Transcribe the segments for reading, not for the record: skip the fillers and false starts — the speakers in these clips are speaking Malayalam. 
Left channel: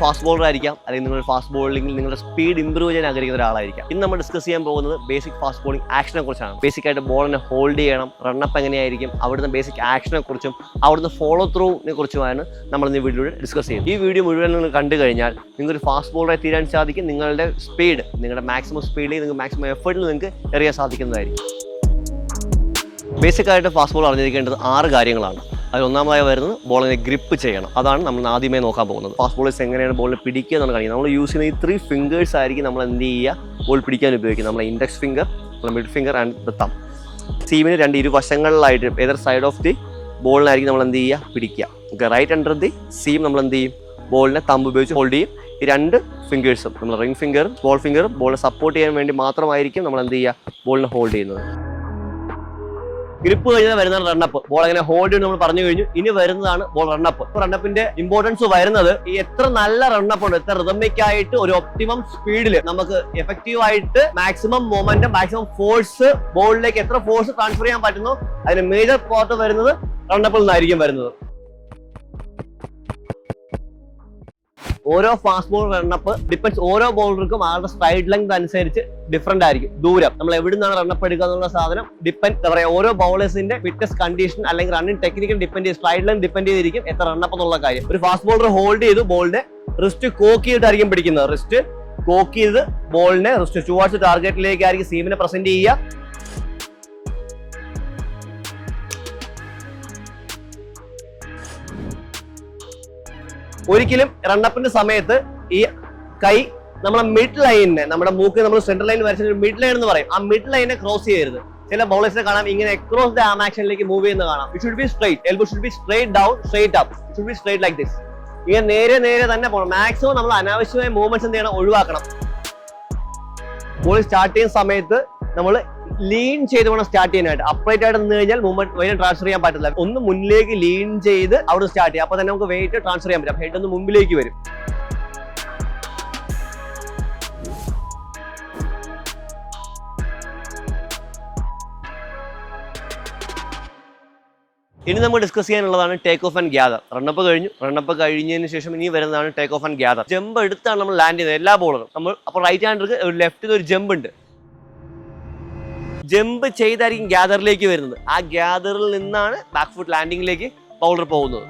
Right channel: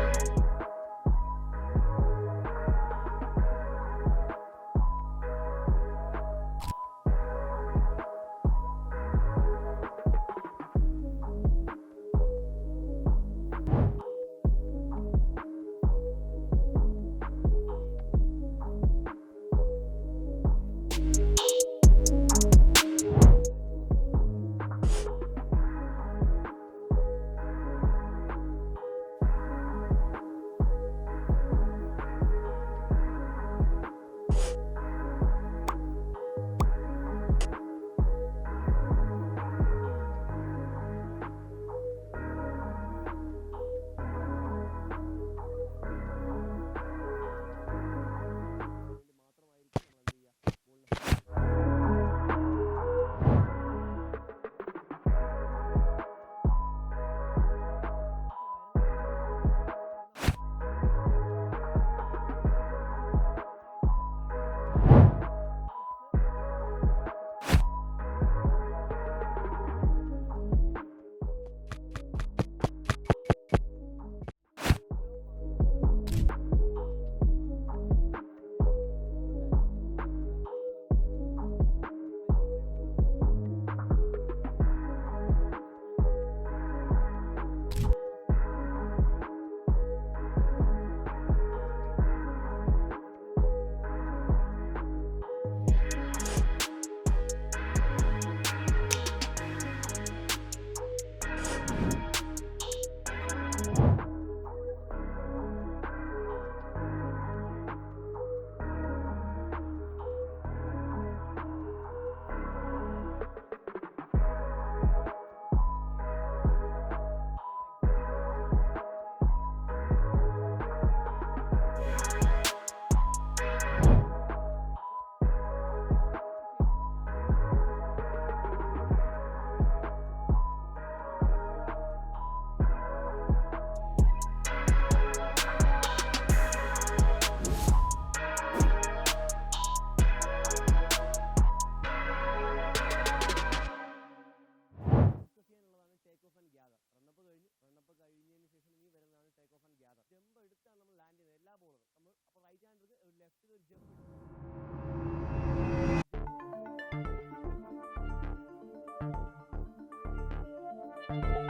ഫാസ്റ്റ് ബോളർ ആയിരിക്കാം, അല്ലെങ്കിൽ നിങ്ങൾ ഫാസ്റ്റ് ബോളിംഗിൽ നിങ്ങളുടെ സ്പീഡ് ഇംപ്രൂവ് ചെയ്യാൻ ആഗ്രഹിക്കുന്ന ഒരാളായിരിക്കാം. ഇന്ന് നമ്മൾ ഡിസ്കസ് ചെയ്യാൻ പോകുന്നത് ബേസിക് ഫാസ്റ്റ് ബോളിംഗ് ആക്ഷനെ കുറിച്ചാണ്. ബേസിക് ആയിട്ട് ബോളിനെ ഹോൾഡ് ചെയ്യണം, റണ്ണപ്പ് എങ്ങനെയായിരിക്കും, അവിടുന്ന് ബേസിക് ആക്ഷനെ കുറിച്ചും അവിടുന്ന് ഫോളോ ത്രൂവിനെ കുറിച്ചുമാണ് നമ്മൾ ഇന്ന് വീഡിയോയിൽ ഡിസ്കസ് ചെയ്യും. ഈ വീഡിയോ മുഴുവൻ നിങ്ങൾ കണ്ടു കഴിഞ്ഞാൽ നിങ്ങൾക്കൊരു ഫാസ്റ്റ് ബോളറായി തീരാൻ സാധിക്കും. നിങ്ങളുടെ സ്പീഡ്, നിങ്ങളുടെ മാക്സിമം സ്പീഡിൽ നിങ്ങൾക്ക് മാക്സിമം എഫേർട്ടിൽ നിങ്ങൾക്ക് എറിയാൻ സാധിക്കുന്നതായിരിക്കും. ബേസിക് ആയിട്ട് ഫാസ്റ്റ് ബോൾ അറിഞ്ഞിരിക്കേണ്ടത് 6 കാര്യങ്ങളാണ്. അതിൽ ഒന്നാമതായി വരുന്നത് ബോളിനെ ഗ്രിപ്പ് ചെയ്യണം. അതാണ് നമ്മൾ ആദ്യമേ നോക്കാൻ പോകുന്നത്. ഫാസ്റ്റ് ബോളേഴ്സ് എങ്ങനെയാണ് ബോളിനെ പിടിക്കുക എന്നാണ് കാണിക്കുന്നത്. നമ്മൾ യൂസ് ചെയ്യുന്ന ഈ 3 ഫിംഗേഴ്സ് ആയിരിക്കും നമ്മൾ എന്ത് ചെയ്യുക, ബോൾ പിടിക്കാൻ ഉപയോഗിക്കുന്നത്. നമ്മൾ index finger, mid finger and the തം. സീമിന് 2 ഇരുവശങ്ങളിലായിട്ട് ഏതർ സൈഡ് ഓഫ് ദി ബോളിനായിരിക്കും നമ്മൾ എന്ത് ചെയ്യുക, പിടിക്കുക. റൈറ്റ് അണ്ടർ ദി സീം നമ്മൾ എന്ത് ചെയ്യും, ബോളിനെ തമ്പ് ഉപയോഗിച്ച് ഹോൾഡ് ചെയ്യും. ഈ 2 ഫിംഗേഴ്സും നമ്മൾ റിംഗ് ഫിംഗറും സ്മോൾ ഫിംഗറും ബോളിനെ സപ്പോർട്ട് ചെയ്യാൻ വേണ്ടി മാത്രമായിരിക്കും നമ്മൾ എന്ത് ചെയ്യുക, ബോളിനെ ഹോൾഡ് ചെയ്യുന്നത്. ഗ്രിപ്പ് കഴിഞ്ഞാൽ വരുന്നതാണ് റണ്ണപ്പ്. ബോൾ എങ്ങനെ ഹോൾഡ് ചെയ്യും നമ്മൾ പറഞ്ഞു കഴിഞ്ഞു. ഇനി വരുന്നതാണ് ബോൾ റണ്ണപ്പ്. റണ്ണപ്പിന്റെ ഇമ്പോർട്ടൻസ് വരുന്നത് ഈ എത്ര നല്ല റണ്ണപ്പ് ഉണ്ട്, എത്ര റിതമിക് ആയിട്ട് ഒരു ഒപ്റ്റിമം സ്പീഡിൽ നമുക്ക് എഫക്റ്റീവ് ആയിട്ട് മാക്സിമം മൊമെന്റം, മാക്സിമം ഫോഴ്സ് ബോളിലേക്ക് എത്ര ഫോഴ്സ് ട്രാൻസ്ഫർ ചെയ്യാൻ പറ്റുന്നു, അതിന് മേജർ പാർട്ട് വരുന്നത് റണ്ണപ്പിൽ നിന്നായിരിക്കും വരുന്നത്. ഓരോ ഫാസ്റ്റ് ബോൾ റണ്ണപ്പ് ഡിപ്പെൻസ്, ഓരോ ബോളർക്കും അവരുടെ സ്ട്രൈഡ് ലെങ്ത് അനുസരിച്ച് ഡിഫറെന്റ് ആയിരിക്കും. ദൂരം നമ്മൾ എവിടെ നിന്നാണ് റണ്ണപ്പ് എടുക്കുക എന്നുള്ള സാധനം ഡിപ്പെൻഡ്, എന്താ പറയുക, ഓരോ ബോളേഴ്സിന്റെ ഫിറ്റ്നസ് കണ്ടീഷൻ അല്ലെങ്കിൽ റണ്ണിംഗ് ടെക്നിക്കൽ ഡിപ്പെൻഡ് ചെയ്ത്, സ്ട്രൈഡ് ലെങ്ത് ഡിപ്പെൻഡ് ചെയ്തിരിക്കും എത്ര റണ്ണപ്പ് എന്നുള്ള കാര്യം. ഒരു ഫാസ്റ്റ് ബോളർ ഹോൾഡ് ചെയ്ത് ബോളിനെ റിസ്റ്റ് കോക്ക് ചെയ്തിട്ടായിരിക്കും പിടിക്കുന്നത്. റിസ്റ്റ് കോക്ക് ചെയ്ത് ബോളിനെ റിസ്റ്റ് ടുവാർഡ്സ് ടാർഗറ്റിലേക്കായിരിക്കും സീമിനെ പ്രസന്റ് ചെയ്യുക. ഒരിക്കലും റണ്ണപ്പിന്റെ സമയത്ത് ഈ കൈ നമ്മളെ മിഡ് ലൈനിനെ, നമ്മുടെ മൂക്ക് നമ്മൾ സെൻട്രൽ ലൈൻ വരച്ച മിഡ് ലൈൻ എന്ന് പറയും, ആ മിഡ് ലൈനെ ക്രോസ് ചെയ്യരുത്. ചില ബോളേഴ്സിനെ കാണാം ഇങ്ങനെ അക്രോസ് ദ ആം ആക്ഷനിലേക്ക് മൂവ് ചെയ്യുന്ന കാണാം. It should be straight, elbow should be straight down, straight up, it should be straight like this. ഇങ്ങനെ നേരെ തന്നെ പോകണം. മാക്സിമം നമ്മൾ അനാവശ്യമായ മൂവ്മെന്റ്സ് എന്ത് ചെയ്യണം, ഒഴിവാക്കണം. ബോൾ സ്റ്റാർട്ട് ചെയ്യുന്ന സമയത്ത് നമ്മൾ ലീൻ ചെയ്ത് വേണം സ്റ്റാർട്ട് ചെയ്യാനായിട്ട്. അപ്രൈറ്റ് ആയിട്ട് നിന്ന് കഴിഞ്ഞാൽ മൂവ്മെന്റ് വെയിറ്റ് ട്രാൻസ്ഫർ ചെയ്യാൻ പറ്റില്ല. ഒന്ന് മുന്നിലേക്ക് ലീൻ ചെയ്ത് അവിടെ സ്റ്റാർട്ട് ചെയ്യാം. അപ്പൊ തന്നെ നമുക്ക് വെയിറ്റ് ട്രാൻസ്ഫർ ചെയ്യാൻ പറ്റും. ഹെഡ് ഒന്ന് മുമ്പിലേക്ക് വരും. ഇനി നമുക്ക് ഡിസ്കസ് ചെയ്യാനുള്ളതാണ് take off and gather. Run up കഴിഞ്ഞു. റണ്ണപ്പ് കഴിഞ്ഞതിന് ശേഷം ഇനി വരുന്നതാണ് take off and gather. Jump എടുത്താണ് നമ്മൾ ലാൻഡ് ചെയ്യുന്നത് എല്ലാ ബോളറും. നമ്മൾ അപ്പോൾ റൈറ്റ് ഹാൻഡർക്ക് ഒരു ലെഫ്റ്റിൽ ഒരു ജമ്പ് ഉണ്ട്. ജമ്പ് ചെയ്തായിരിക്കും ഗ്യാദറിലേക്ക് വരുന്നത്. ആ ഗ്യാദറിൽ നിന്നാണ് ബാക്ക് ഫുട്ട് ലാൻഡിങ്ങിലേക്ക് ബൗളർ പോകുന്നത്.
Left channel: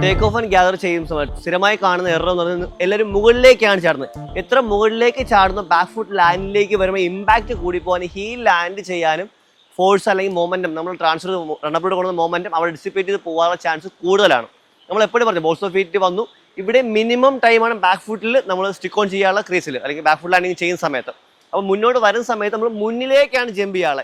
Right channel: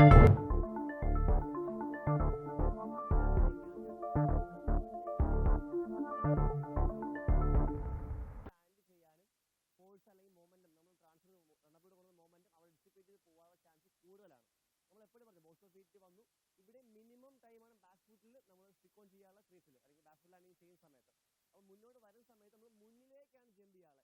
ടേക്ക് ഓഫ് ആൻഡ് ഗ്യാദർ ചെയ്യുന്ന സമയത്ത് സ്ഥിരമായി കാണുന്ന എറർ എന്ന് പറയുന്നത് എല്ലാവരും മുകളിലേക്കാണ് ചാടുന്നത്. എത്ര മുകളിലേക്ക് ചാടുന്ന ബാക്ക് ഫുട്ട് ലാൻഡിലേക്ക് വരുമ്പോൾ ഇമ്പാക്ട് കൂടി പോകാൻ ഹീൽ ലാൻഡ് ചെയ്യാനും ഫോഴ്സ് അല്ലെങ്കിൽ മൊമെന്റം നമ്മൾ ട്രാൻസ്ഫർ റണ്ണപ്പിലൂടെ കൊടുക്കുന്ന മൊമെന്റം അവിടെ ഡിസിപ്പേറ്റ് ചെയ്ത് പോകാനുള്ള ചാൻസ് കൂടുതലാണ്. നമ്മൾ എപ്പോഴും പറഞ്ഞു ബോൾസ് ഓഫ് ഫീറ്റ് വന്നു. ഇവിടെ മിനിമം ടൈമാണ് ബാക്ക് ഫുട്ടിൽ നമ്മൾ സ്റ്റിക്ക് ഓൺ ചെയ്യാനുള്ള ക്രീസിൽ അല്ലെങ്കിൽ ബാക്ക് ഫുട്ട് ലാൻഡിങ് ചെയ്യുന്ന സമയത്ത്. അപ്പോൾ മുന്നോട്ട് വരുന്ന സമയത്ത് നമ്മൾ മുന്നിലേക്കാണ് ജമ്പ് ചെയ്യാളെ.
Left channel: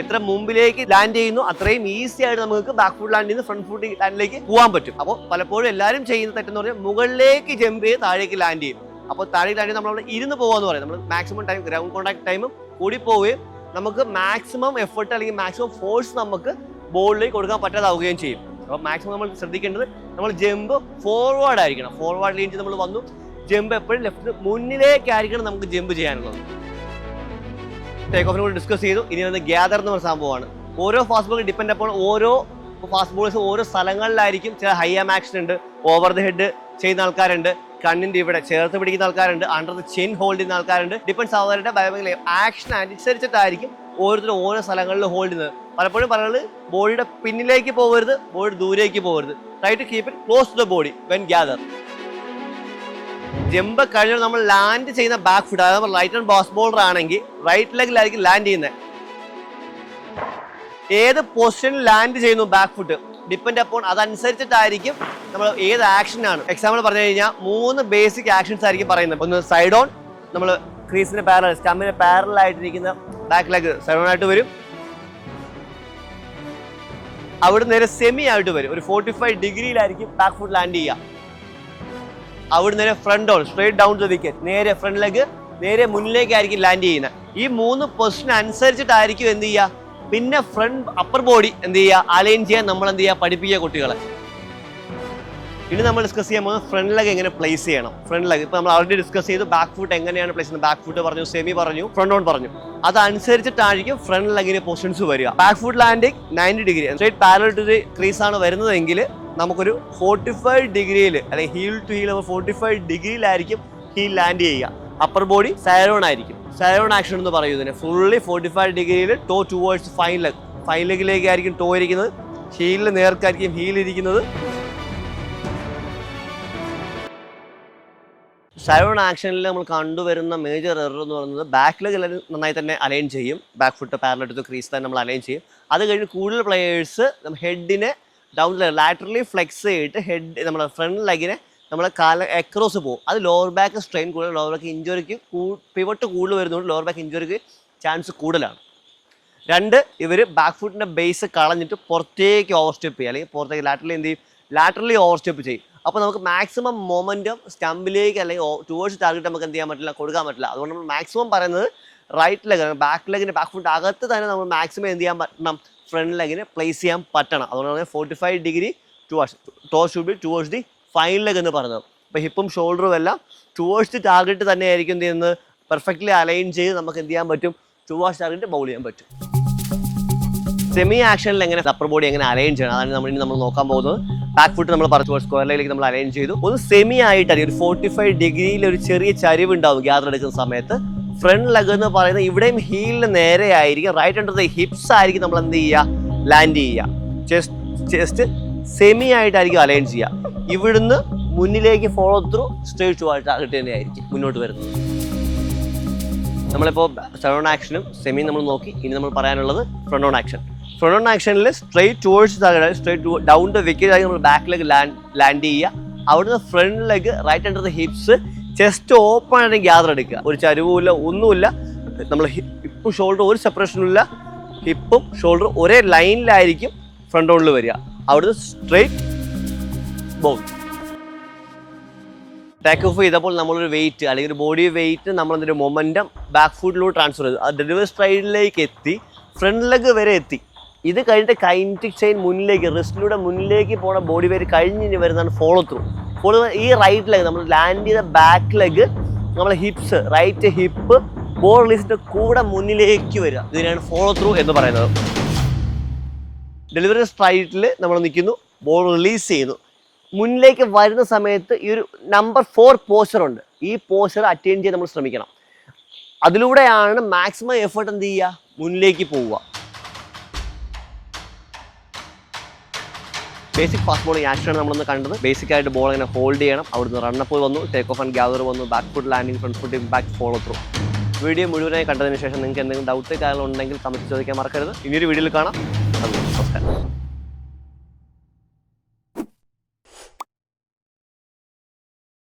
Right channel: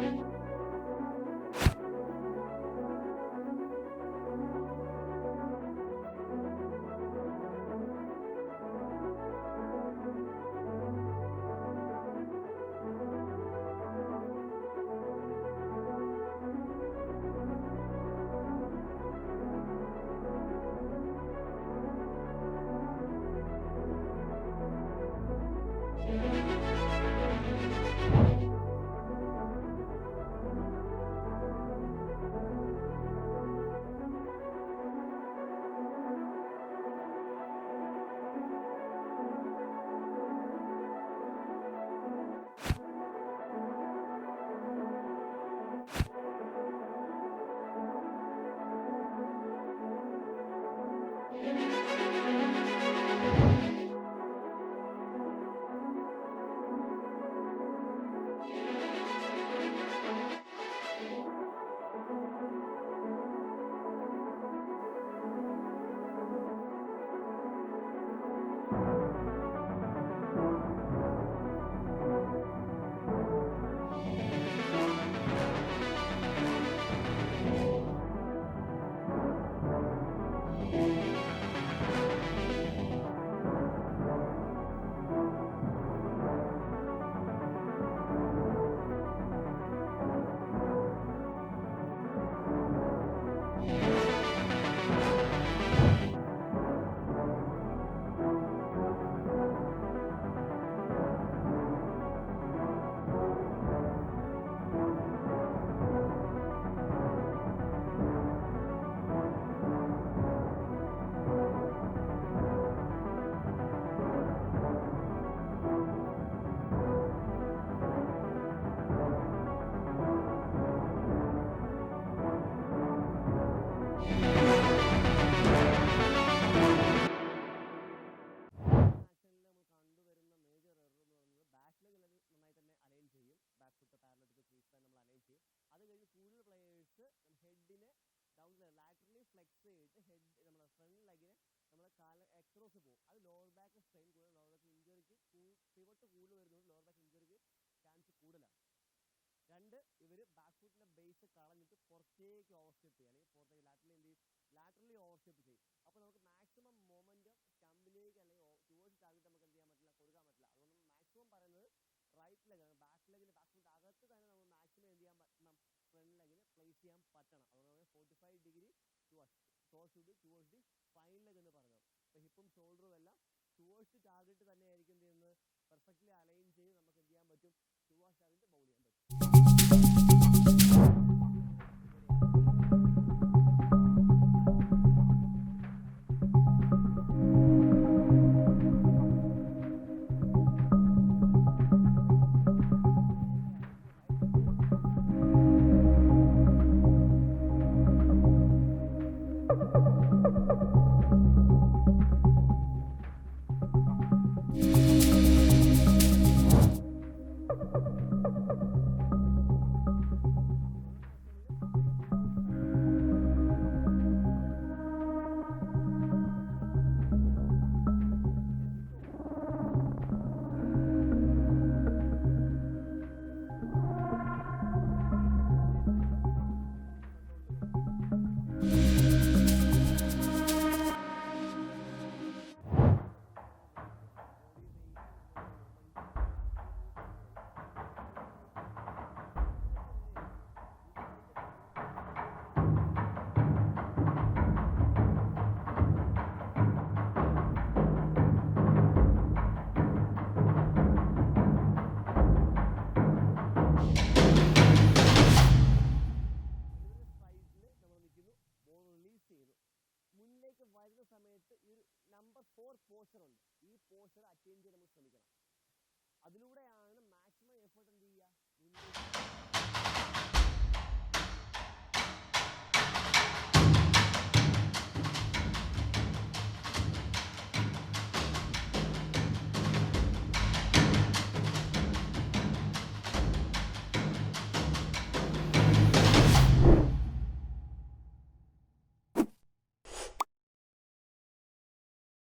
എത്ര മുമ്പിലേക്ക് ലാൻഡ് ചെയ്യുന്നു അത്രയും ഈസി ആയിട്ട് നമുക്ക് ബാക്ക് ഫുട്ട് ലാൻഡിൽ നിന്ന് ഫ്രണ്ട് ഫുട്ട് ലാൻഡിലേക്ക് പോകാൻ പറ്റും. അപ്പോൾ പലപ്പോഴും എല്ലാവരും ചെയ്യുന്ന തെറ്റെന്ന് പറഞ്ഞാൽ മുകളിലേക്ക് ജമ്പ് ചെയ്ത് താഴേക്ക് ലാൻഡ് ചെയ്യും. അപ്പോൾ താഴേക്ക് ലാൻഡ് നമ്മൾ അവിടെ ഇരുന്ന് പോകാന്ന് പറയും. നമ്മൾ മാക്സിമം ടൈം ഗ്രൗണ്ട് കോൺടാക്ട് ടൈമും കൂടി പോവുകയും നമുക്ക് മാക്സിമം എഫർട്ട് അല്ലെങ്കിൽ മാക്സിമം ഫോഴ്സ് നമുക്ക് ബോളിലേക്ക് കൊടുക്കാൻ പറ്റാതാവുകയും ചെയ്യും. അപ്പോൾ മാക്സിമം നമ്മൾ ശ്രദ്ധിക്കേണ്ടത് നമ്മൾ ജമ്പ് ഫോർവേഡ് ആയിരിക്കണം. ഫോർവേഡ് ലീൻ ചെയ്ത് നമ്മൾ വന്നു, ജമ്പ് എപ്പോഴും ലെഫ്റ്റ് മുന്നിലേക്കായിരിക്കണം നമുക്ക് ജമ്പ് ചെയ്യാനുള്ളത്. ടേക്ക് ഓഫിനെ കൂടി ഡിസ്കസ് ചെയ്തു. ഇനി വന്ന് ഗ്യാദർ എന്ന് പറഞ്ഞ സംഭവമാണ്. ഓരോ ഫാസ്റ്റ് ബോൾ ഡിപ്പെൻഡ് അപ്പോൾ ഓരോ ഫാസ്റ്റ് ബോളേഴ്സ് ഓരോ സ്ഥലങ്ങളിലായിരിക്കും. ചില ഹൈ ആം ആക്ഷൻ ഉണ്ട്, ഓവർ ദ ഹെഡ് ചെയ്യുന്ന ആൾക്കാരുണ്ട്, കണ്ണിന്റെ ഇവിടെ ചേർത്ത് പിടിക്കുന്ന ആൾക്കാരുണ്ട്, അണ്ടർ ദ ചെയിൻ ഹോൾഡ് ചെയ്യുന്ന ആൾക്കാരുണ്ട്. ഡിപ്പെൻസ് അവരുടെ ആക്ഷൻ അനുസരിച്ചിട്ടായിരിക്കും ഓരോരുത്തരും ഓരോ സ്ഥലങ്ങളിൽ ഹോൾഡ് ചെയ്യുന്നത്. പലപ്പോഴും പറയുന്നത് ബോഡിയുടെ പിന്നിലേക്ക് പോകരുത്, ബോഡി ദൂരേക്ക് പോകരുത്. Try to keep it close to the body when gather. Jump കഴിഞ്ഞാൽ നമ്മൾ ലാൻഡ് ചെയ്യുന്ന ബാക്ക് ഫുട്ട്, അതായത് റൈറ്റ് ഹാൻഡ് ഫാസ്റ്റ് ബോളർ ആണെങ്കിൽ റൈറ്റ് ലെഗിലായിരിക്കും ലാൻഡ് ചെയ്യുന്നത്. ഏത് പൊസിഷനിൽ ലാൻഡ് ചെയ്യുന്നു ബാക്ക് ഫുട്ട് ഡിപ്പെൻഡ് അപ്പോൾ അതനുസരിച്ചിട്ടായിരിക്കും നമ്മൾ ഏത് ആക്ഷനാണ്. എക്സാമ്പിൾ പറഞ്ഞു കഴിഞ്ഞാൽ 3 ബേസിക് ആക്ഷൻസ് ആയിരിക്കും പറയുന്നത്. ഒന്ന് സൈഡ് ഓൺ, നമ്മൾ ക്രീസിന് പാരലൽ, സ്റ്റമ്പിന് പാരലൽ ആയിട്ടിരിക്കുന്ന ബാക്ക് ലെഗ് സൈഡ് ഓൺ ആയിട്ട് വരും. അവിടെ നേരെ സെമി ആയിട്ട് വരും. ഒരു 45 ഡിഗ്രിയിലായിരിക്കും ബാക്ക് ഫുട്ട് ലാൻഡ് ചെയ്യുക. അവിടെ നേരെ front on, straight down to wicket, നേരെ ഫ്രണ്ട് ലെഗ് നേരെ മുന്നിലേക്കായിരിക്കും ലാൻഡ് ചെയ്യുന്നത്. ഈ 3 പൊസിഷൻ അനുസരിച്ചിട്ടായിരിക്കും എന്ത് ചെയ്യുക, പിന്നെ ഫ്രണ്ട് അപ്പർ ബോഡി എന്ത് ചെയ്യുക, അലൈൻ ചെയ്യാൻ നമ്മൾ എന്ത് ചെയ്യുക, പഠിപ്പിക്കുക കുട്ടികളെ. ഇനി നമ്മൾ ഡിസ്കസ് ചെയ്യാൻ പോകുന്നത് ഫ്രണ്ട് ലെഗ് എങ്ങനെ പ്ലേസ് ചെയ്യണം. ഫ്രണ്ട് ലെഗ് ഇപ്പോൾ നമ്മൾ ഓൾറെഡി ഡിസ്കസ് ചെയ്തു. ബാക്ക് ഫുട്ട് എങ്ങനെയാണ് പ്ലേസ് ചെയ്യുന്നത്. ബാക്ക് ഫുട്ട് പറഞ്ഞു, സെമി പറഞ്ഞു, ഫ്രണ്ട് ഓൺ പറഞ്ഞു. അതനുസരിച്ചിട്ടായിരിക്കും ഫ്രണ്ട് ലെഗിന് പൊസിഷൻസ് വരിക. Back foot landing 90 degree straight parallel to the crease ആണ് വരുന്നതെങ്കിൽ നമുക്കൊരു 45 ഡിഗ്രിയിൽ അല്ലെങ്കിൽ ഹീൽ ടു ഹീൽ 45 ഡിഗ്രിയിലായിരിക്കും ഹീൽ ലാൻഡ് ചെയ്യുക. അപ്പർ ബോഡി സൈറോൺ ആയിരിക്കും. സൈറോൺ ആക്ഷൻ എന്ന് പറയുന്നതിന് ഫുള്ളി 45 ഡിഗ്രിയിൽ ടോ ടുവേർഡ്സ് ഫൈൻ ലെഗിലേക്കായിരിക്കും ടോ ഇരിക്കുന്നത്. ഹീലിന് നേർക്കായിരിക്കും ഹീൽ ഇരിക്കുന്നത്. സൈറോൺ ആക്ഷനിൽ നമ്മൾ കണ്ടുവരുന്ന മേജർ എറർ എന്ന് പറയുന്നത് ബാക്ക് ലെഗ് നന്നായി തന്നെ അലൈൻ ചെയ്യും. Back foot parallel to crease തന്നെ നമ്മൾ അലൈൻ ചെയ്യും. അത് കഴിഞ്ഞ് കൂടുതൽ പ്ലെയേഴ്സ് ഹെഡിനെ ഡൗൺ ലാറ്ററലി ഫ്ലെക്സ് ചെയ്തിട്ട് നമ്മുടെ ഫ്രണ്ട് ലെഗിനെ നമ്മളെ എക്രോസ് പോകും. അത് ലോവർ ബാക്ക് സ്ട്രെയിൻ കൂടുതൽ, ലോവർ ബാക്ക് ഇഞ്ചുറിക്ക് പിവട്ട് കൂടുതൽ വരുന്നതുകൊണ്ട് ലോവർ ബാക്ക് ഇഞ്ചുറിക്ക് ചാൻസ് കൂടുതലാണ്. 2, ഇവർ ബാക്ക് ഫുട്ടിൻ്റെ ബേസ് കളഞ്ഞിട്ട് പുറത്തേക്ക് ഓവർ സ്റ്റെപ്പ് ചെയ്യും, അല്ലെങ്കിൽ പുറത്തേക്ക് ലാറ്ററലി എന്ത് ചെയ്യും, ലാറ്ററലി ഓവർ സ്റ്റെപ്പ് ചെയ്യും. അപ്പോൾ നമുക്ക് മാക്സിമം മൊമെൻറ്റം സ്റ്റമ്പിലേക്ക് അല്ലെങ്കിൽ ടുവേഴ്സ് ടാർഗറ്റ് നമുക്ക് എന്ത് ചെയ്യാൻ പറ്റില്ല, കൊടുക്കാൻ പറ്റില്ല. അതുകൊണ്ട് നമ്മൾ മാക്സിമം പറയുന്നത് റൈറ്റ് ലെഗ്, ബാക്ക് ഫുട്ട് അകത്ത് തന്നെ നമ്മൾ മാക്സിമം എന്ത് ചെയ്യാൻ പറ്റണം, ഫ്രണ്ട് ലെഗിനെ പ്ലേസ് ചെയ്യാൻ പറ്റണം. അതുകൊണ്ടാണ് 45 degree toe should be towards the fine leg എന്ന് പറയുന്നത്. അപ്പോൾ ഹിപ്പും ഷോൾഡറും എല്ലാം ടുവേഴ്സ് ദി ടാർഗറ്റ് തന്നെയായിരിക്കും എന്ത് ചെയ്യുന്നത്, പെർഫെക്റ്റ്ലി അലൈൻ ചെയ്ത് നമുക്ക് എന്ത് ചെയ്യാൻ പറ്റും, ടുവേഴ്സ് ടാർഗറ്റ് ബൗൾ ചെയ്യാൻ പറ്റും. സെമി ആക്ഷനിൽ എങ്ങനെ അപ്പർ ബോഡി എങ്ങനെ അലൈൻ ചെയ്യണം, അതാണ് നമ്മൾ നോക്കാൻ പോകുന്നത്. ബാക്ക് ഫുട്ട് നമ്മൾ പറഞ്ഞു സ്ക്വയർ ലെഗിലേക്ക് നമ്മൾ അലൈൻ ചെയ്തു. ഒന്ന് സെമി ആയിട്ടായിരിക്കും, ഒരു 45 ഡിഗ്രിയിൽ ഒരു ചെറിയ ചരിവ് ഉണ്ടാവും ഗ്യാദർ എടുക്കുന്ന സമയത്ത്. ഫ്രണ്ട് ലെഗ് എന്ന് പറയുന്നത് ഇവിടെയും ഹീലിന് നേരെ ആയിരിക്കും, റൈറ്റ് അണ്ടർ ദ ഹിപ്സ് ആയിരിക്കും നമ്മൾ എന്ത് ചെയ്യുക, ലാൻഡ് ചെയ്യുക. ചെസ്റ്റ് സെമി ആയിട്ടായിരിക്കും അലൈൻ ചെയ്യുക. ഇവിടുന്ന് മുന്നിലേക്ക് follow through straight to target തന്നെയായിരിക്കും മുന്നോട്ട് വരുന്നത്. നമ്മളിപ്പോൾ സൈറോൺ ആക്ഷനും സെമിയും നമ്മൾ നോക്കി. ഇനി നമ്മൾ പറയാനുള്ളത് front on action. Front on ആക്ഷനിൽ straight towards target, straight down the wicket ആയി നമ്മൾ ബാക്ക് ലെഗ് ലാൻഡ് ചെയ്യുക. അവിടുന്ന് front leg right under the hips, chest open ആയിട്ട് ഗ്യാദർ എടുക്കുക. ഒരു ചരിവുമില്ല, ഒന്നുമില്ല. നമ്മൾ ഹിപ്പും ഷോൾഡറും ഒരു സെപ്പറേഷനും ഇല്ല. ഹിപ്പും ഷോൾഡറും ഒരേ ലൈനിലായിരിക്കും ഫ്രണ്ട് ഓണിൽ വരിക. അവിടുന്ന് സ്ട്രേറ്റ് ബൗൾ. ടേക്ക് ഓഫ് ചെയ്തപ്പോൾ നമ്മളൊരു വെയിറ്റ് അല്ലെങ്കിൽ ഒരു ബോഡി വെയിറ്റ് നമ്മളെന്തൊരു മൊമെൻറ്റം ബാക്ക് ഫുട്ടിലൂടെ ട്രാൻസ്ഫർ ചെയ്തു. അത് ഡെലിവറി സ്ട്രൈഡിലേക്ക് എത്തി, ഫ്രണ്ട് ലെഗ് വരെ എത്തി. ഇത് കഴിഞ്ഞിട്ട് കൈനറ്റിക് ചെയിൻ മുന്നിലേക്ക്, റിസ്റ്റിലൂടെ മുന്നിലേക്ക് പോണ ബോഡി വെയിറ്റ് കഴിഞ്ഞ് വരുന്നതാണ് ഫോളോ ത്രൂ. ഈ റൈറ്റ് ലെഗ് നമ്മൾ ലാൻഡ് ചെയ്ത ബാക്ക് ലെഗ്, നമ്മളെ ഹിപ്സ്, റൈറ്റ് ഹിപ്പ് ബോൾ റിലീസിൻ്റെ കൂടെ മുന്നിലേക്ക് വരിക. ഇതിനാണ് ഫോളോ ത്രൂ എന്ന് പറയുന്നത്. ഡെലിവറി സ്ട്രൈഡിൽ നമ്മൾ നിൽക്കുന്നു, ബോൾ റിലീസ് ചെയ്യുന്നു. മുന്നിലേക്ക് വരുന്ന സമയത്ത് ഈ ഒരു നമ്പർ 4 പോസ്റ്റർ ഉണ്ട്. ഈ പോസ്റ്റർ അറ്റൈൻ ചെയ്യാൻ നമ്മൾ ശ്രമിക്കണം. അതിലൂടെയാണ് മാക്സിമം എഫേർട്ട് എന്ത് ചെയ്യുക, മുന്നിലേക്ക് പോവുക. ബേസിക് ഫാസ്റ്റ് ബോളിംഗ് ആക്ഷനാണ് നമ്മളൊന്ന് കണ്ടത്. ബേസിക് ആയിട്ട് ബോൾ ഇങ്ങനെ ഹോൾഡ് ചെയ്യണം. അവിടുന്ന് റണ്ണപ്പ് വന്നു, ടേക്ക് ഓഫ് ആൻഡ് ഗ്യാദർ വന്നു, back foot landing, front foot impact, follow through. Video മുഴുവനായി കണ്ടതിന് ശേഷം നിങ്ങൾക്ക് എന്തെങ്കിലും ഡൗട്ട് കാര്യങ്ങളുണ്ടെങ്കിൽ കമൻറ്റ് ചോദിക്കാൻ മറക്കരുത്. ഇനിയൊരു വീഡിയോയിൽ കാണാം. നമസ്കാരം.